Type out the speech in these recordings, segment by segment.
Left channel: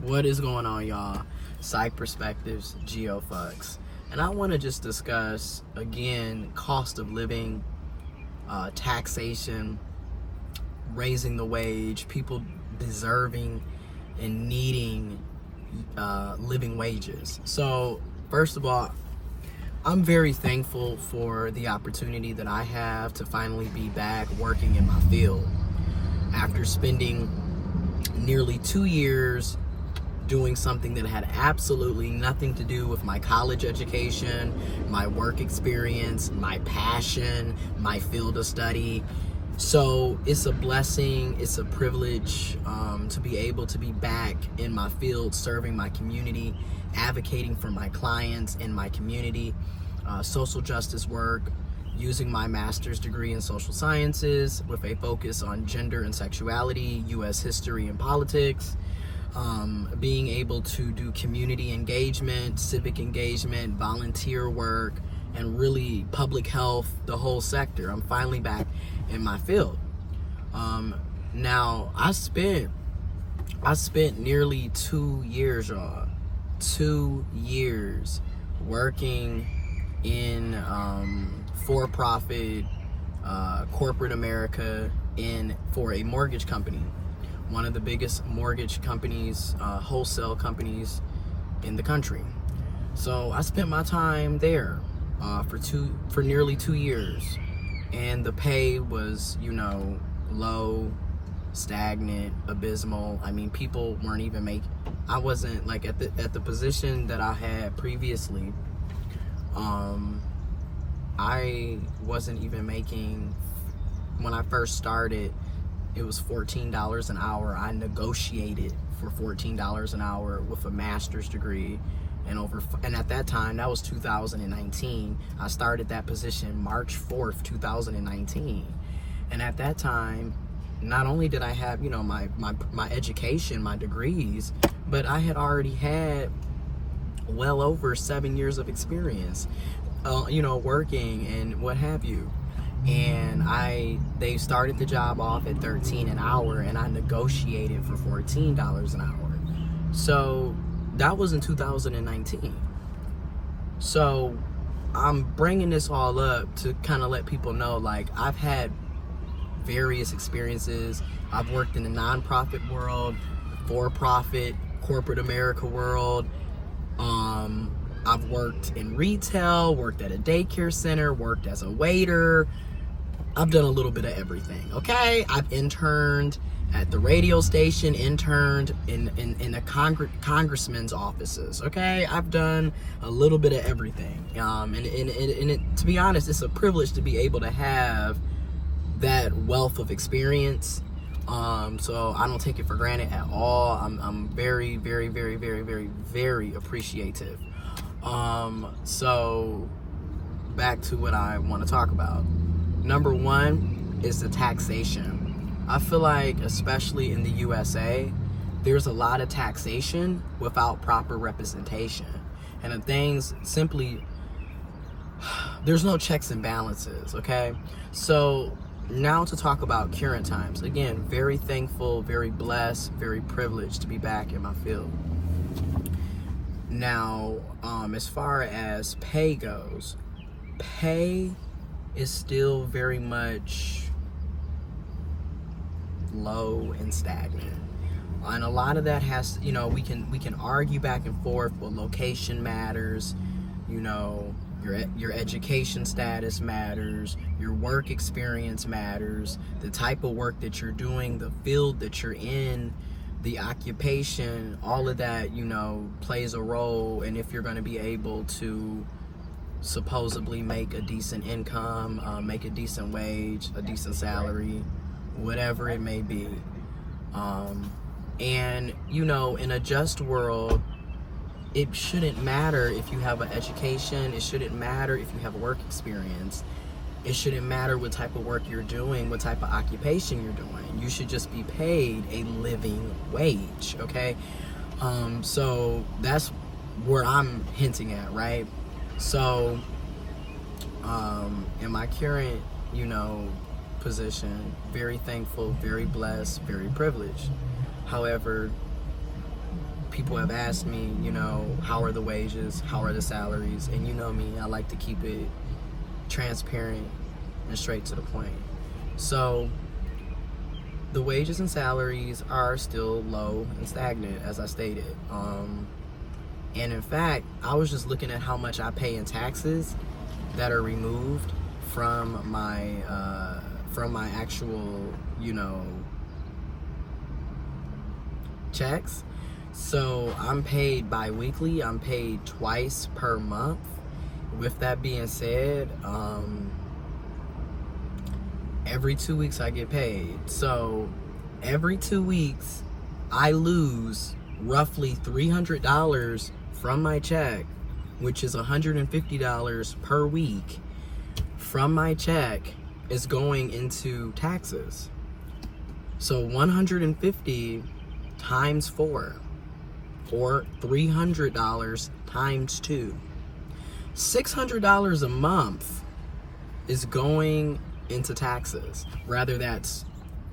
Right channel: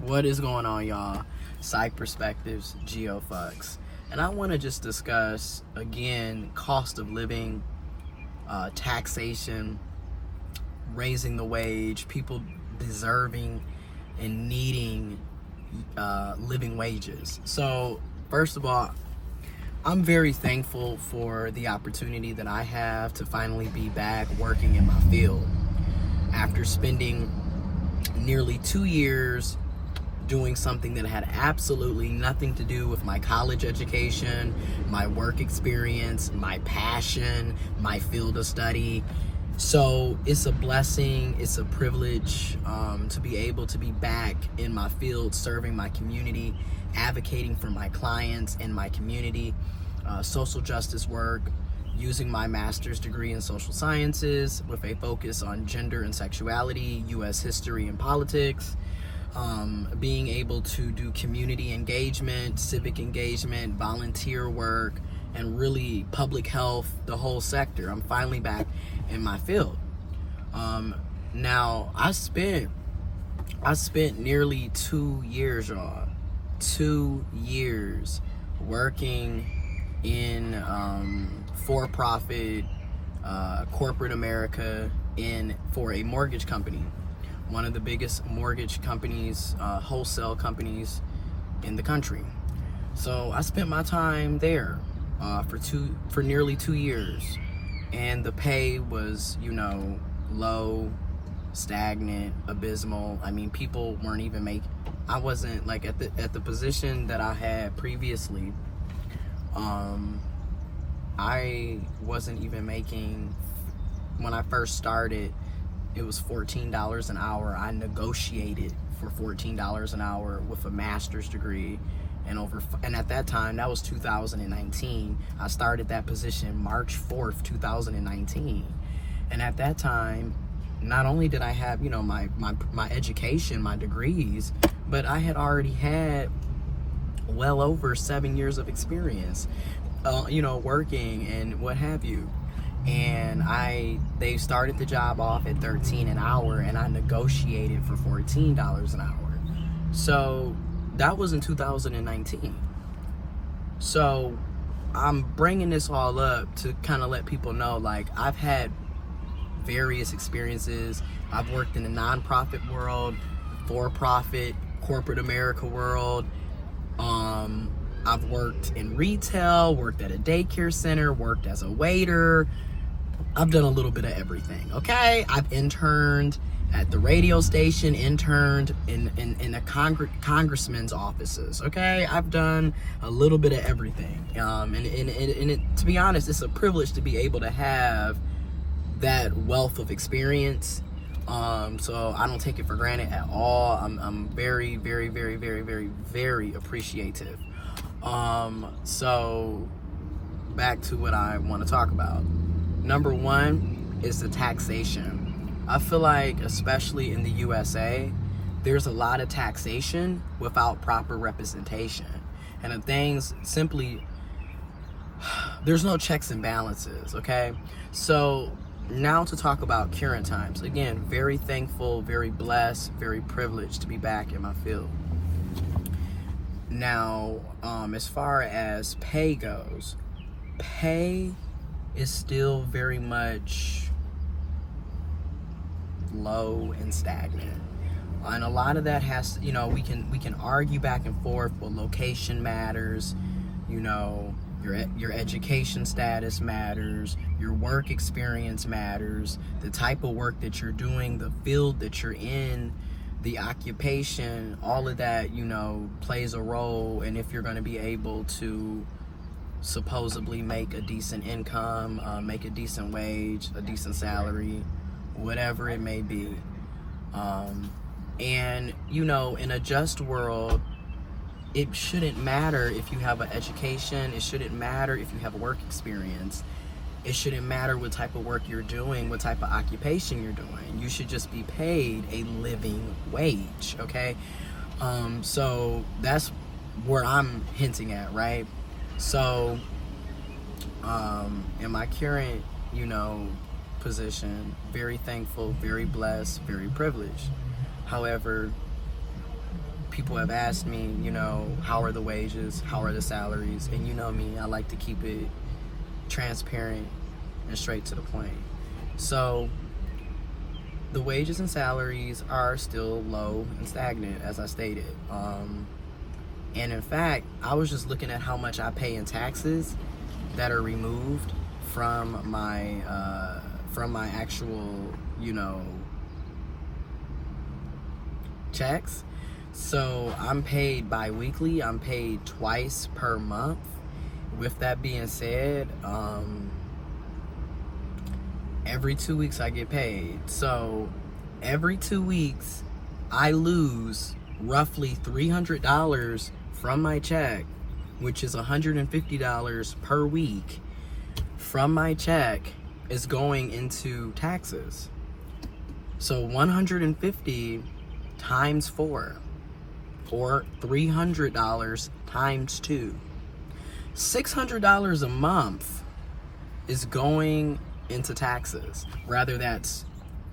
What is going on, y'all? Psych Perspectives, giofvcks. And I want to just discuss, again, cost of living, taxation, raising the wage, people deserving and needing living wages. So, first of all, I'm very thankful for the opportunity that I have to finally be back working in my field. After spending nearly 2 years doing something that had absolutely nothing to do with my college education, my work experience, my passion, my field of study. So it's a blessing, it's a privilege to be able to be back in my field, serving my community, advocating for my clients in my community, social justice work, using my master's degree in social sciences with a focus on gender and sexuality, U.S. history and politics, being able to do community engagement, civic engagement, volunteer work, and really public health, the whole sector. I'm finally back in my field. Now, I spent nearly 2 years, y'all. 2 years working in for-profit corporate America for a mortgage company, one of the biggest mortgage companies, wholesale companies in the country. So I spent my time there for nearly 2 years, and the pay was, low, stagnant, abysmal. I mean, people weren't even making. I wasn't like at the position that I had previously. I wasn't even making, when I first started, it was $14 an hour. I negotiated for $14 an hour with a master's degree, and at that time, that was 2019. I started that position March 4th, 2019. And at that time, not only did I have, my education, my degrees, but I had already had well over 7 years of experience, working and what have you. And they started the job off at $13 an hour, and I negotiated for $14 an hour. So that was in 2019. So I'm bringing this all up to kind of let people know, like, I've had various experiences. I've worked in the nonprofit world, for-profit, corporate America world. I've worked in retail, worked at a daycare center, worked as a waiter. I've done a little bit of everything, okay? I've interned at the radio station, interned in a congressman's offices, okay? I've done a little bit of everything. And to be honest, it's a privilege to be able to have that wealth of experience. So I don't take it for granted at all. I'm very, very, very, very, very, very appreciative. So back to what I want to talk about. Number one is the taxation. I feel like, especially in the USA, there's a lot of taxation without proper representation. And the things simply, there's no checks and balances, okay? So now to talk about current times. Again, very thankful, very blessed, very privileged to be back in my field. Now, as far as pay goes, pay is still very much low and stagnant. And a lot of that has, we can argue back and forth. Well, location matters, your education status matters, your work experience matters, the type of work that you're doing, the field that you're in, the occupation, all of that, plays a role in if you're going to be able to supposedly make a decent income, make a decent wage, a decent salary, whatever it may be. And, in a just world, it shouldn't matter if you have an education. It shouldn't matter if you have work experience. It shouldn't matter what type of work you're doing, what type of occupation you're doing. You should just be paid a living wage, okay? So that's where I'm hinting at, right? So in my current, position, very thankful, very blessed, very privileged. However, people have asked me, you know, how are the wages, how are the salaries, and you know me, I like to keep it transparent and straight to the point. So the wages and salaries are still low and stagnant, as I stated. And in fact, I was just looking at how much I pay in taxes that are removed from my actual, you know, checks. So I'm paid bi-weekly. I'm paid twice per month. With that being said, every 2 weeks I get paid. So every 2 weeks I lose roughly $300 from my check, which is $150 per week from my check is going into taxes. So 150 times 4, or $300 times 2. $600 a month is going into taxes. Rather that's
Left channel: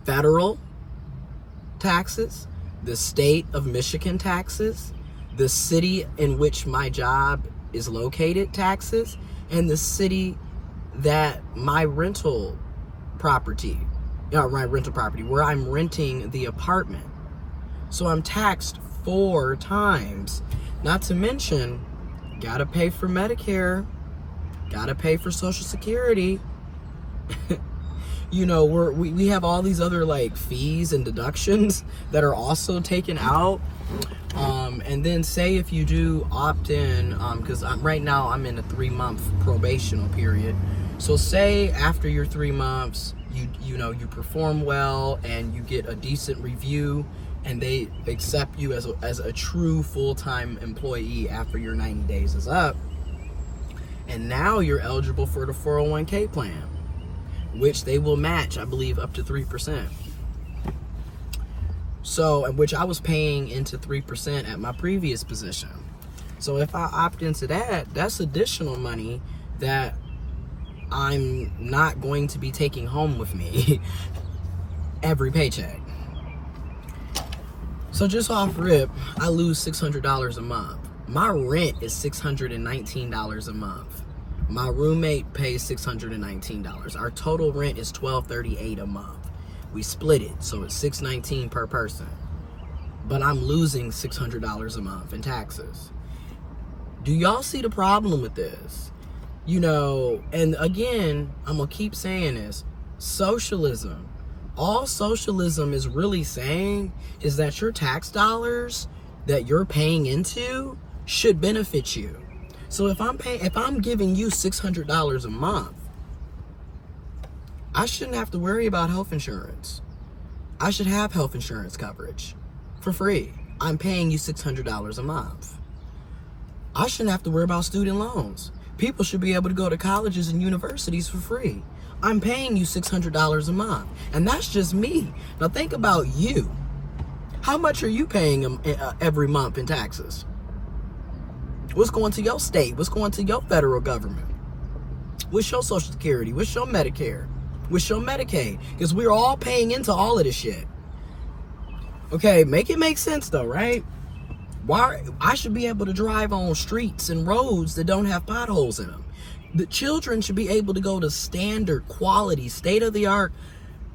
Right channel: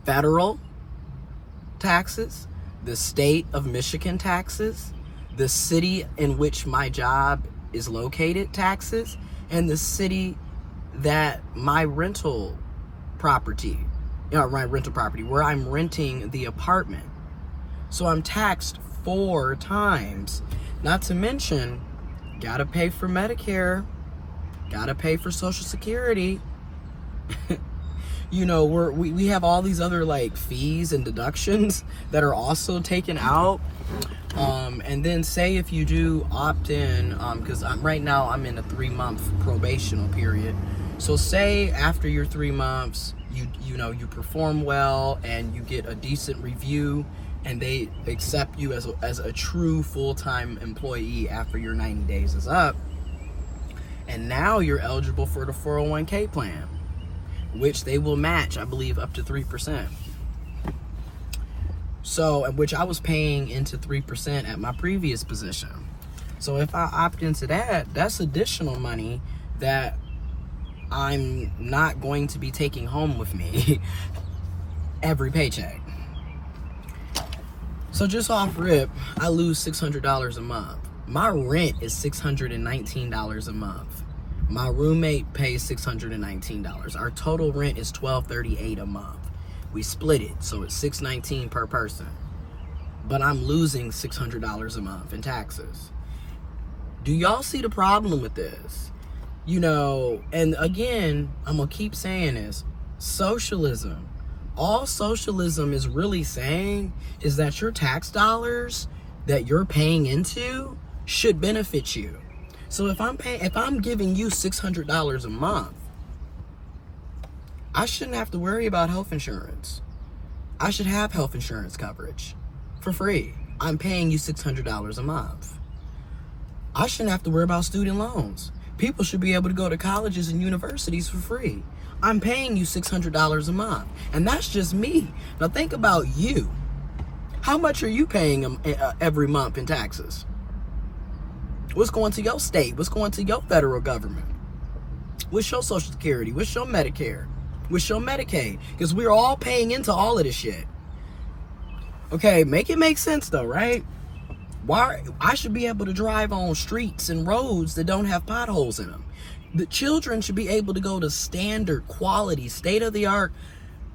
federal taxes, the state of Michigan taxes, the city in which my job is located taxes, and the city that my rental property, where I'm renting the apartment. So I'm taxed 4 times. Not to mention, gotta pay for Medicare, gotta pay for Social Security. You know, we have all these other like fees and deductions that are also taken out. And then say if you do opt in, because right now I'm in a 3-month probational period. So say after your 3 months, you know, you perform well and you get a decent review, and they accept you as a true full-time employee after your 90 days is up. And now you're eligible for the 401k plan, which they will match, I believe, up to 3%. So, which I was paying into 3% at my previous position. So if I opt into that, that's additional money that I'm not going to be taking home with me every paycheck. So just off rip, I lose $600 a month. My rent is $619 a month. My roommate pays $619. Our total rent is $1,238 a month. We split it, so it's $619 per person. But I'm losing $600 a month in taxes. Do y'all see the problem with this? You know, and again, I'm gonna keep saying this. Socialism. All socialism is really saying is that your tax dollars that you're paying into should benefit you. So if I'm giving you $600 a month, I shouldn't have to worry about health insurance. I should have health insurance coverage for free. I'm paying you $600 a month. I shouldn't have to worry about student loans. People should be able to go to colleges and universities for free. I'm paying you $600 a month. And that's just me. Now think about you. How much are you paying every month in taxes? What's going to your state? What's going to your federal government? What's your Social Security? What's your Medicare? What's your Medicaid? Because we're all paying into all of this shit. Okay, make it make sense though, right? Why I should be able to drive on streets and roads that don't have potholes in them. The children should be able to go to standard, quality, state-of-the-art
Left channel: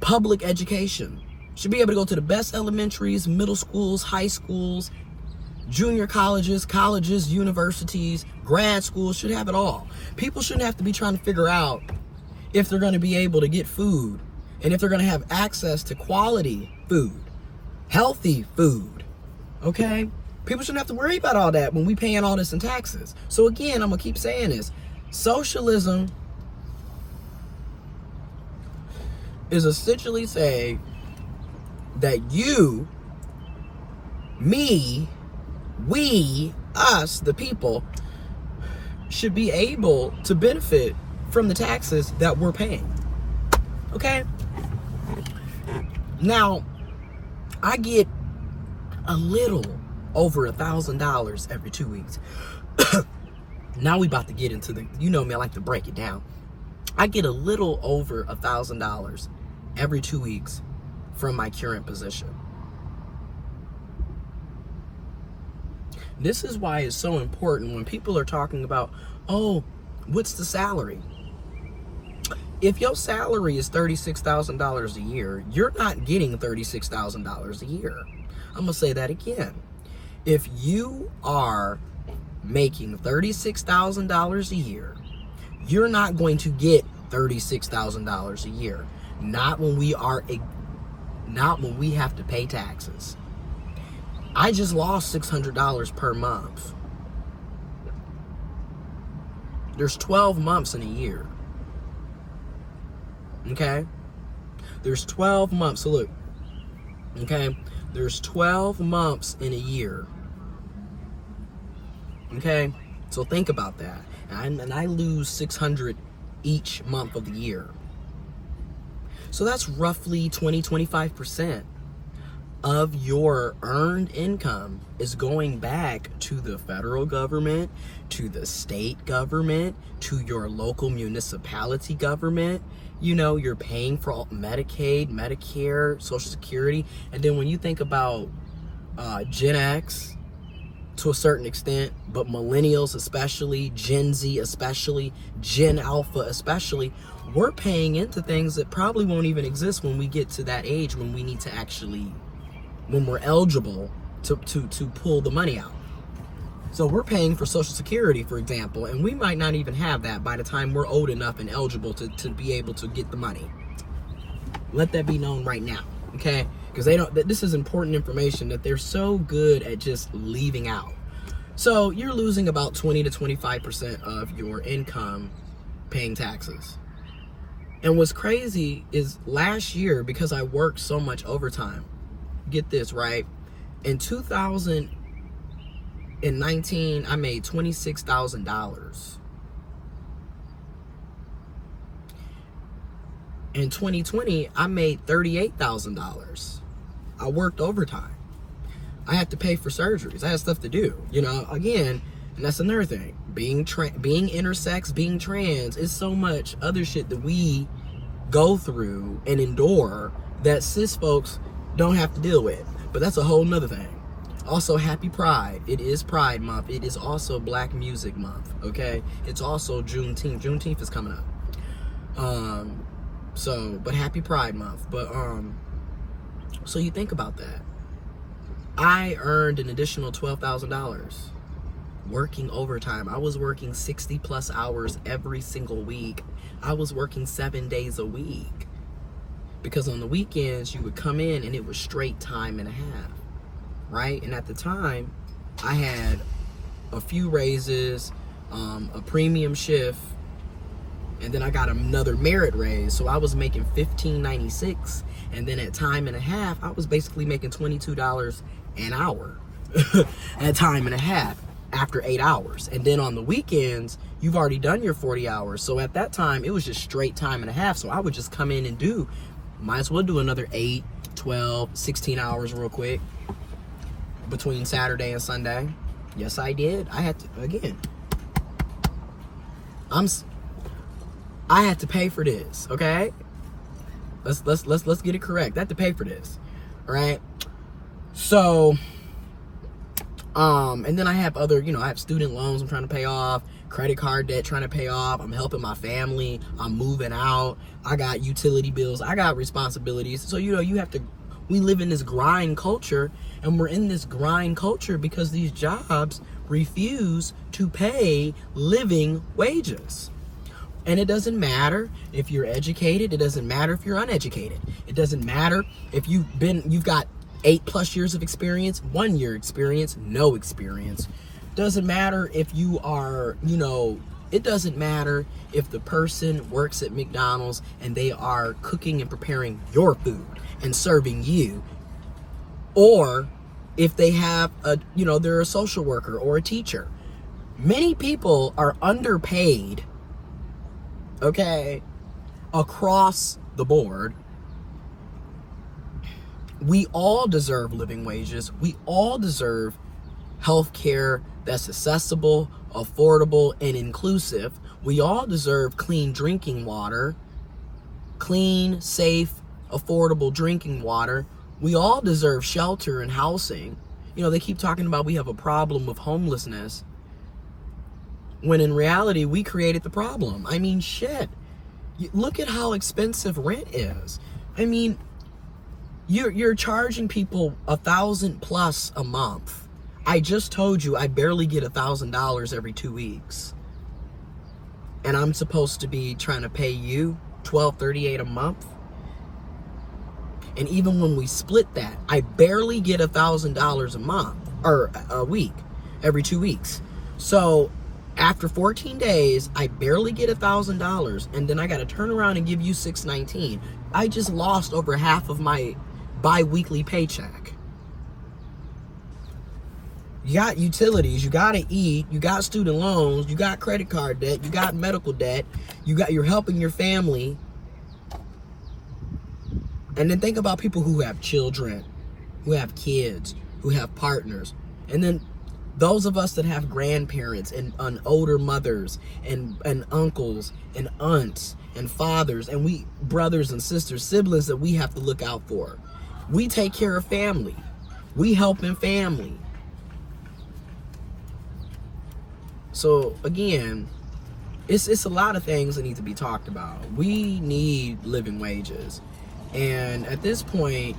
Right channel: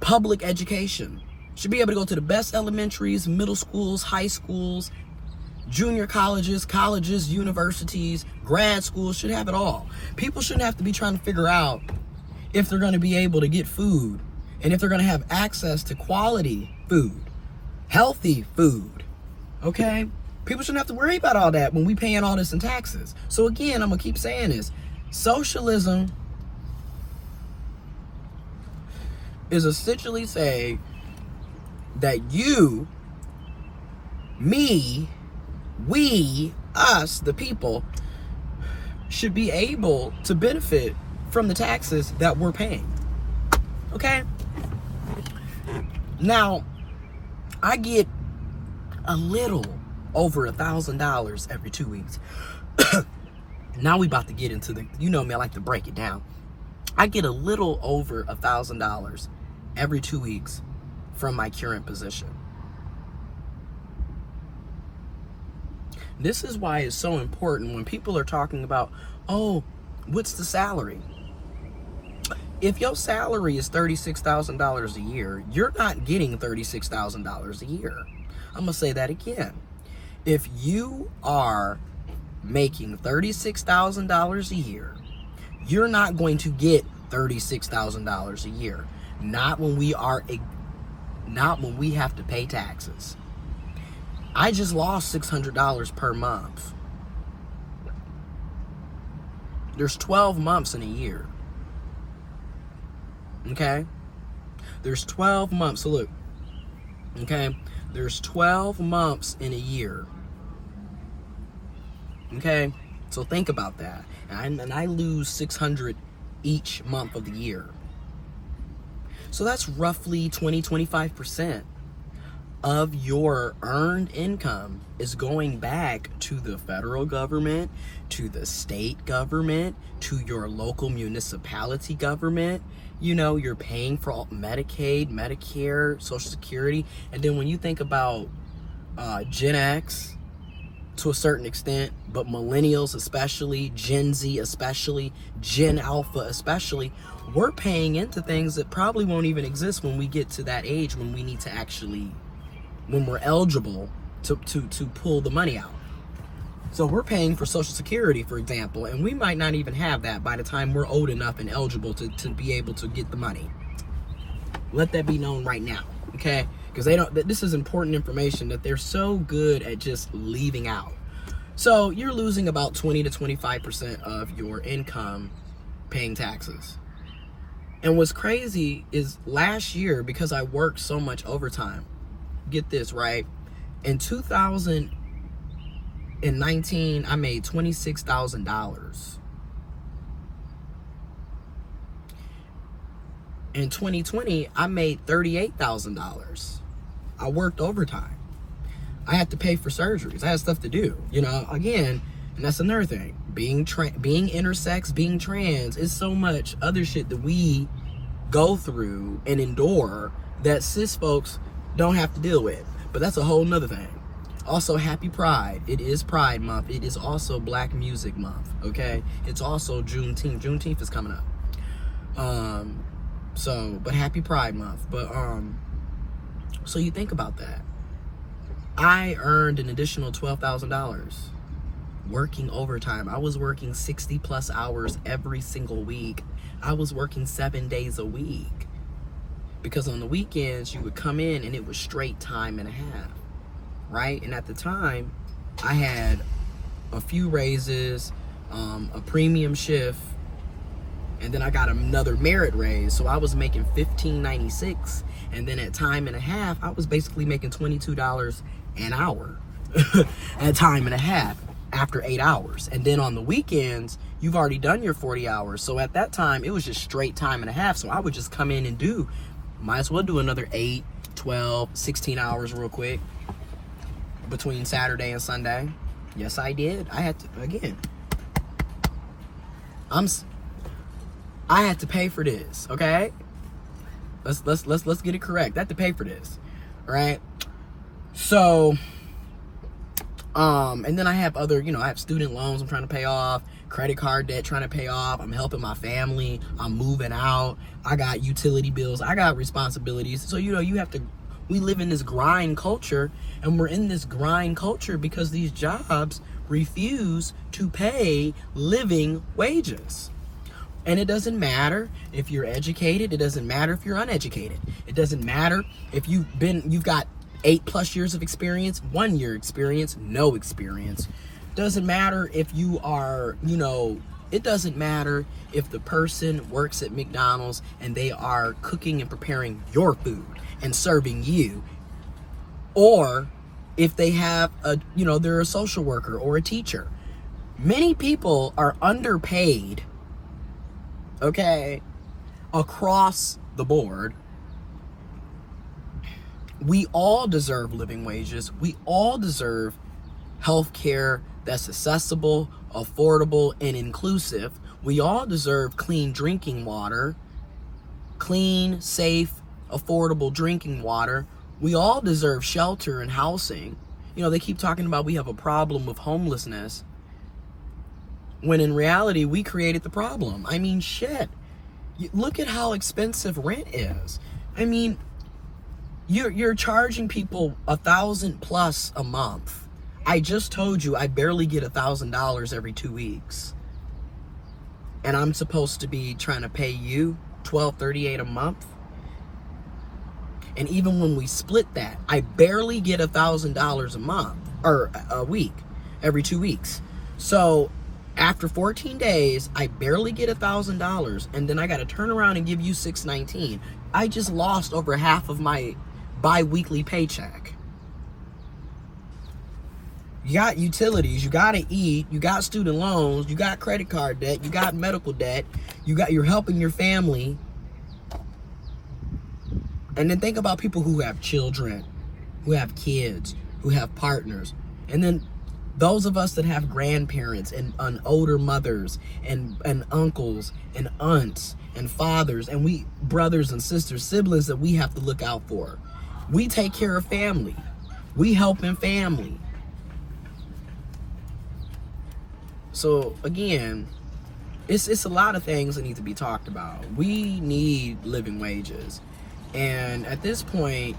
public education. Should be able to go to the best elementaries, middle schools, high schools, junior colleges, universities, grad schools, should have it all. People shouldn't have to be trying to figure out if they're going to be able to get food and if they're going to have access to quality food, healthy food, okay? People shouldn't have to worry about all that when we paying all this in taxes. So again, I'm going to keep saying this. Socialism is essentially saying that you, me, we, us, the people, should be able to benefit from the taxes that we're paying. Okay? Now, I get a little over $1,000 every 2 weeks. Now we about to get into the, you know me, I like to break it down. I get a little over $1,000 every 2 weeks from my current position. This is why it's so important when people are talking about, oh, what's the salary? If your salary is $36,000 a year, you're not getting $36,000 a year. I'm going to say that again. If you are making $36,000 a year, you're not going to get $36,000 a year. Not when we have to pay taxes. I just lost $600 per month. There's 12 months in a year. Okay? There's 12 months. So look. Okay? There's 12 months in a year. Okay? So think about that. And I lose $600 each month of the year. So that's roughly 20-25% of your earned income is going back to the federal government, to the state government, to your local municipality government. You know, you're paying for Medicaid, Medicare, Social Security. And then when you think about Gen X, to a certain extent, but millennials especially, Gen Z especially, Gen Alpha especially, we're paying into things that probably won't even exist when we get to that age when we need to actually, when we're eligible to pull the money out. So we're paying for Social Security, for example, and we might not even have that by the time we're old enough and eligible to be able to get the money. Let that be known right now, okay? Because this is important information that they're so good at just leaving out. So you're losing about 20-25% of your income paying taxes. And what's crazy is last year, because I worked so much overtime, get this, right? In 2019, I made $26,000. In 2020, I made $38,000. I worked overtime. I had to pay for surgeries. I had stuff to do. You know, again, and that's another thing. Being intersex, being trans, is so much other shit that we go through and endure that cis folks don't have to deal with. But that's a whole nother thing. Also, happy Pride. It is Pride Month. It is also Black Music Month, okay? It's also Juneteenth. Juneteenth is coming up. But happy Pride Month. But, so you think about that. I earned an additional $12,000 working overtime. I was working 60 plus hours every single week. I was working 7 days a week. Because on the weekends, you would come in and it was straight time and a half. Right? And at the time, I had a few raises, a premium shift, and then I got another merit raise. So I was making $15.96. And then at time and a half, I was basically making $22 an hour at time and a half after 8 hours. And then on the weekends, you've already done your 40 hours. So at that time, it was just straight time and a half. So I would just come in and might as well do another 8, 12, 16 hours real quick between Saturday and Sunday. Yes, I did. I had to, again, I had to pay for this, okay? Let's get it correct. I had to pay for this. All right? So, and then I have other, I have student loans I'm trying to pay off, credit card debt trying to pay off. I'm helping my family. I'm moving out. I got utility bills. I got responsibilities. So, we live in this grind culture, and we're in this grind culture because these jobs refuse to pay living wages. And it doesn't matter if you're educated. It doesn't matter if you're uneducated. It doesn't matter if you've got 8+ years of experience, 1 year experience, no experience. Doesn't matter if you are, it doesn't matter if the person works at McDonald's and they are cooking and preparing your food and serving you, or if they have they're a social worker or a teacher. Many people are underpaid, okay, across the board. We all deserve living wages. We all deserve health care that's accessible, affordable, and inclusive. We all deserve clean drinking water, clean, safe, affordable drinking water. We all deserve shelter and housing. You know, they keep talking about we have a problem with homelessness, when in reality, we created the problem. I mean, shit. Look at how expensive rent is. I mean, you're charging people $1,000+ a month. I just told you I barely get $1,000 every 2 weeks. And I'm supposed to be trying to pay you $1,238 a month. And even when we split that, I barely get $1,000 a month or a week, every 2 weeks. So after 14 days, I barely get $1,000, and then I got to turn around and give you $619. I just lost over half of my bi-weekly paycheck. You got utilities, you got to eat, you got student loans, you got credit card debt, you got medical debt, you're helping your family. And then think about people who have children, who have kids, who have partners. And then those of us that have grandparents and older mothers and uncles and aunts and fathers, and we brothers and sisters, siblings that we have to look out for. We take care of family. We help in family. So again, it's a lot of things that need to be talked about. We need living wages. And at this point,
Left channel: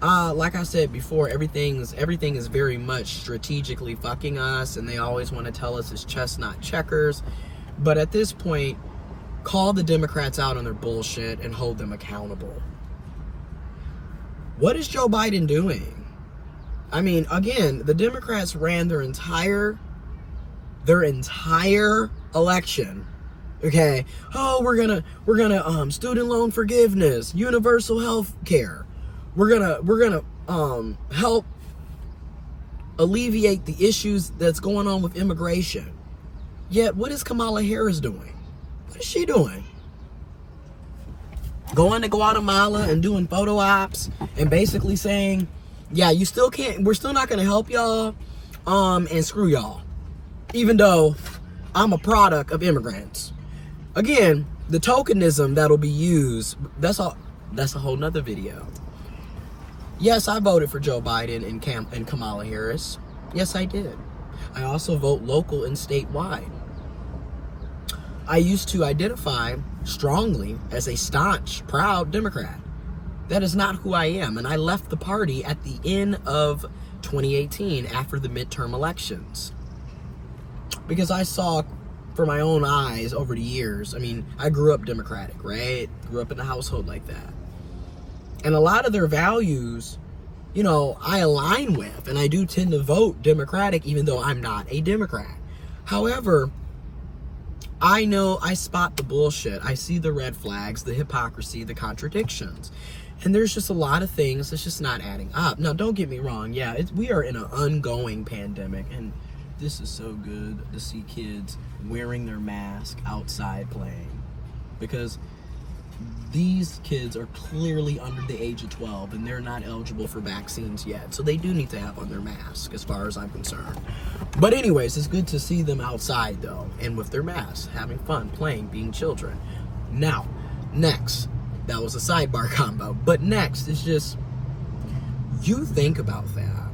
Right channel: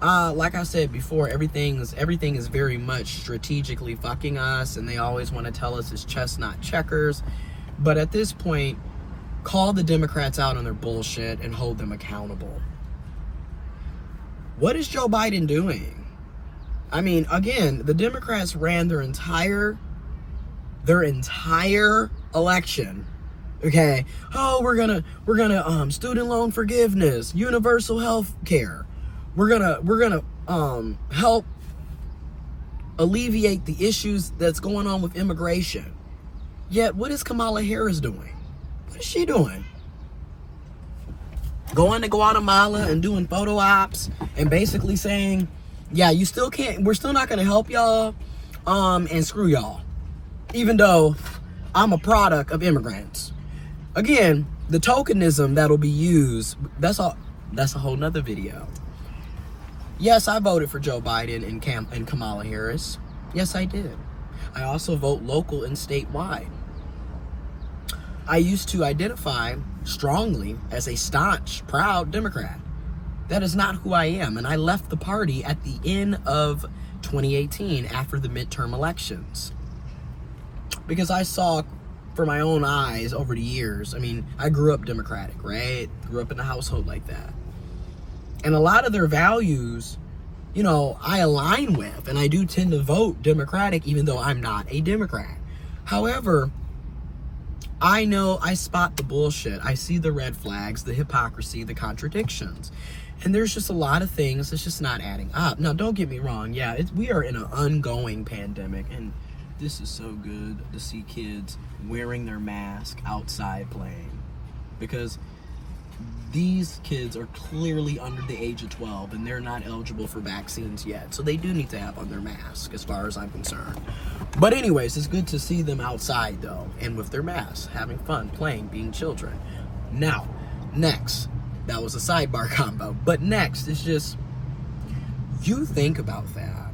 like I said before, everything is very much strategically fucking us, and they always want to tell us it's chess, not checkers. But at this point, call the Democrats out on their bullshit and hold them accountable. What is Joe Biden doing? I mean, again, the Democrats ran their entire election. Okay, oh, we're gonna student loan forgiveness, universal health care. We're gonna help alleviate the issues that's going on with immigration. Yet, what is Kamala Harris doing? What is she doing? Going to Guatemala and doing photo ops and basically saying, yeah, you still can't, we're still not gonna help y'all, and screw y'all. Even though I'm a product of immigrants. Again, the tokenism that'll be used, that's a whole nother video. Yes, I voted for Joe Biden and Kamala Harris. Yes, I did. I also vote local and statewide. I used to identify strongly as a staunch, proud Democrat. That is not who I am, and I left the party at the end of 2018 after the midterm elections. Because I saw for my own eyes over the years, I mean, I grew up Democratic, right? Grew up in a household like that. And a lot of their values, you know, I align with, and I do tend to vote Democratic even though I'm not a Democrat. However, I know I spot the bullshit. I see the red flags, the hypocrisy, the contradictions. And there's just a lot of things that's just not adding up. Now, don't get me wrong. Yeah, we are in an ongoing pandemic, and this is so good to see kids wearing their mask outside playing, because these kids are clearly under the age of 12 and they're not eligible for vaccines yet. So they do need to have on their mask as far as I'm concerned. But anyways, it's good to see them outside though, and with their masks, having fun, playing, being children. Now, next, that was a sidebar combo, but next is just, you think about that.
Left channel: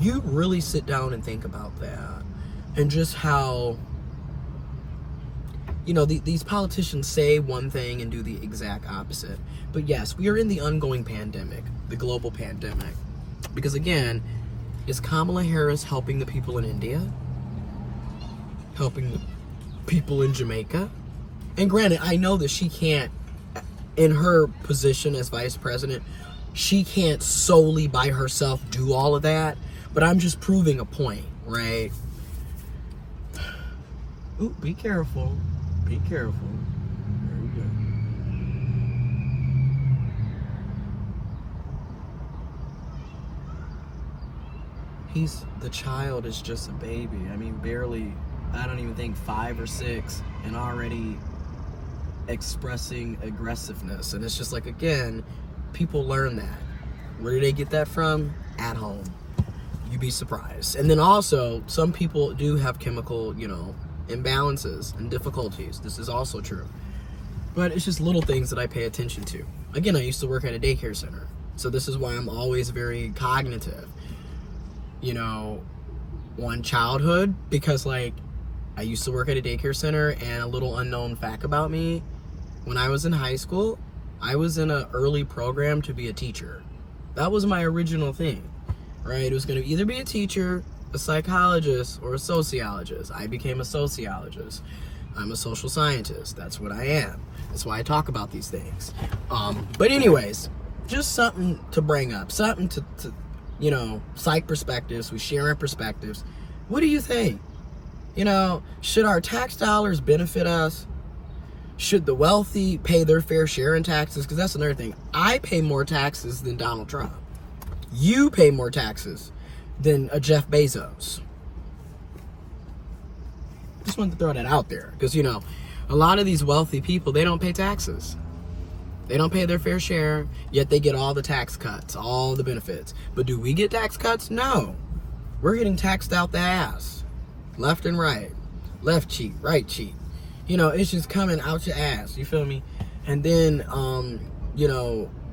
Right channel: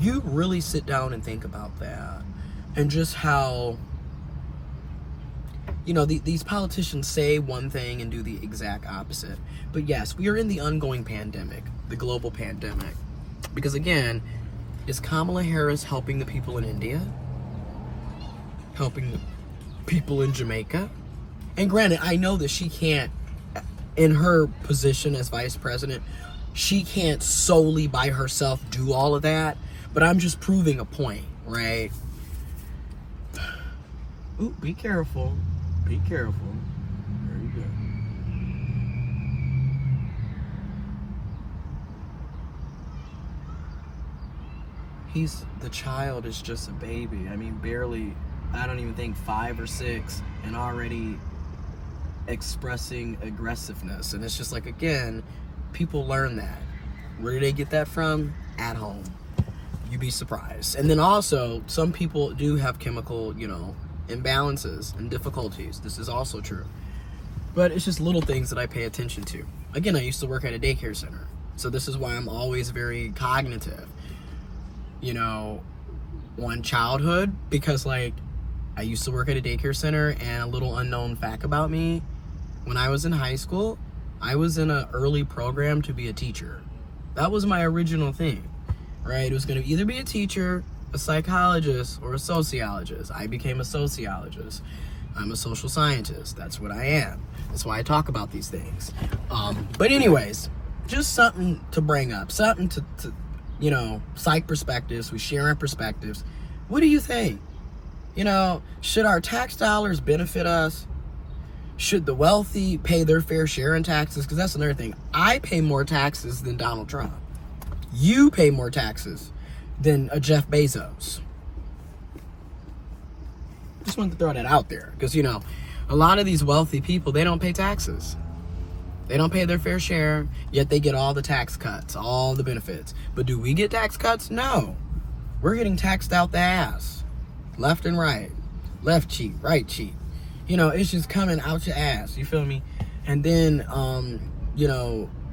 You really sit down and think about that, and just how, you know, these politicians say one thing and do the exact opposite. But yes, we are in the ongoing pandemic, the global pandemic. Because again, is Kamala Harris helping the people in India? Helping the people in Jamaica? And granted, I know that she can't, in her position as vice president, she can't solely by herself do all of that. But I'm just proving a point, right? Ooh, be careful. Be careful. There we go. The child is just a baby. I mean, barely, I don't even think 5 or 6, and already expressing aggressiveness. And it's just like, again, people learn that. Where do they get that from? At home. You'd be surprised. And then also, some people do have chemical, you know, imbalances and difficulties. This is also true. But it's just little things that I pay attention to. Again, I used to work at a daycare center. So this is why I'm always very cognitive, on childhood, because like I used to work at a daycare center, and a little unknown fact about me, when I was in high school, I was in an early program to be a teacher. That was my original thing, right? It was going to either be a teacher, a psychologist, or a sociologist. I became a sociologist. I'm a social scientist. That's what I am. That's why I talk about these things. But anyways, just something to bring up, something to psych perspectives. We share our perspectives. What do you think? Should our tax dollars benefit us? Should the wealthy pay their fair share in taxes? Because that's another thing. I pay more taxes than Donald Trump. You pay more taxes than a Jeff Bezos. Just wanted to throw that out there. Because, a lot of these wealthy people, they don't pay taxes. They don't pay their fair share, yet they get all the tax cuts, all the benefits. But do we get tax cuts? No. We're getting taxed out the ass. Left and right. Left cheek, right cheek. It's just coming out your ass. You feel me? And then,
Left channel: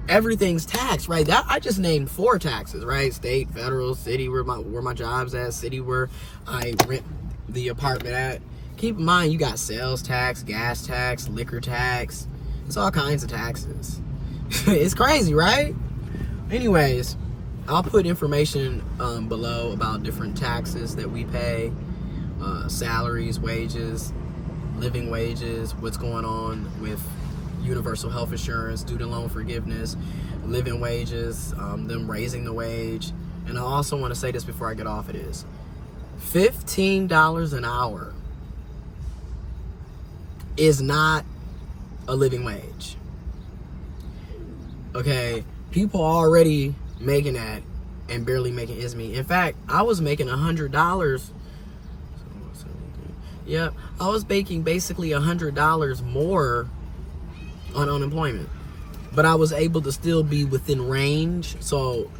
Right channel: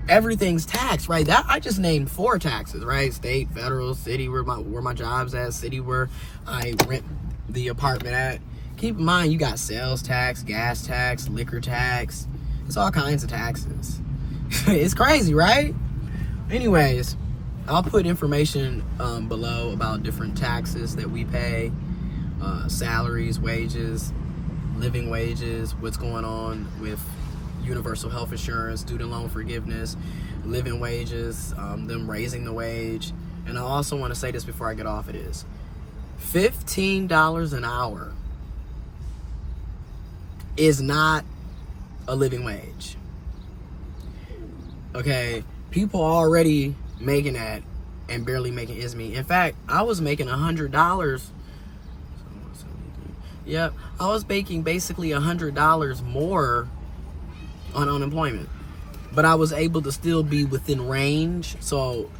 everything's taxed, right? That I just named 4 taxes, right? State, federal, city, where my job's at, city where I rent the apartment at. Keep in mind, you got sales tax, gas tax, liquor tax. It's all kinds of taxes. It's crazy, right? Anyways, I'll put information below about different taxes that we pay, salaries, wages, living wages, what's going on with universal health insurance, student loan forgiveness, living wages, them raising the wage. And I also want to say this before I get off of this. $15 an hour is not a living wage. Okay, people already making that and barely making ends meet. In fact, I was making $100. Yep, I was making basically $100 more on unemployment, but I was able to still be within range. So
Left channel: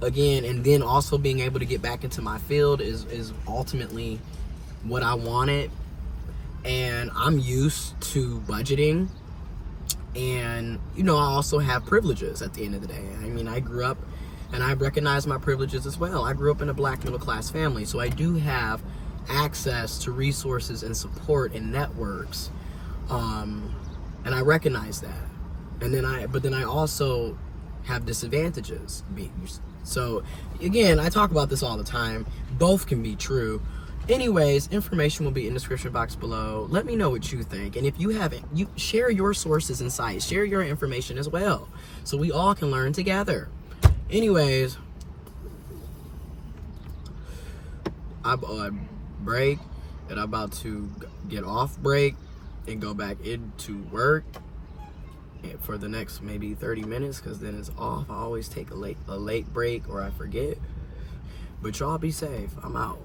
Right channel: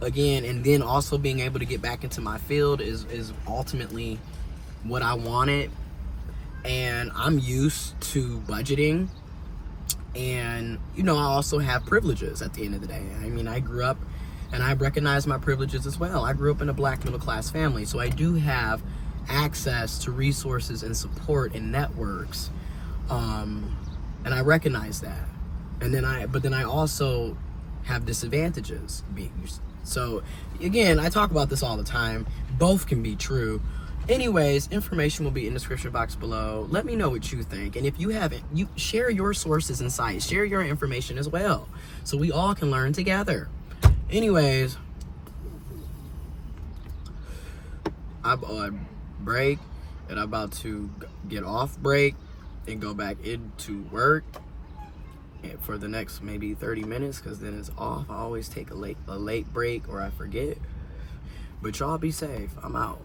again, and then also being able to get back into my field is ultimately what I wanted. And I'm used to budgeting, and I also have privileges at the end of the day. I mean, I grew up and I recognize my privileges as well. I grew up in a Black middle class family, so I do have access to resources and support and networks, and I recognize that. But then I also have disadvantages. So again, I talk about this all the time. Both can be true. Anyways, information will be in the description box below. Let me know what you think, and if you haven't, you share your sources and sites, share your information as well, so we all can learn together. Anyways, I'm on break, and I'm about to get off break and go back into work for the next maybe 30 minutes, because then it's off. I always take a late break, or I forget. But y'all be safe. I'm out.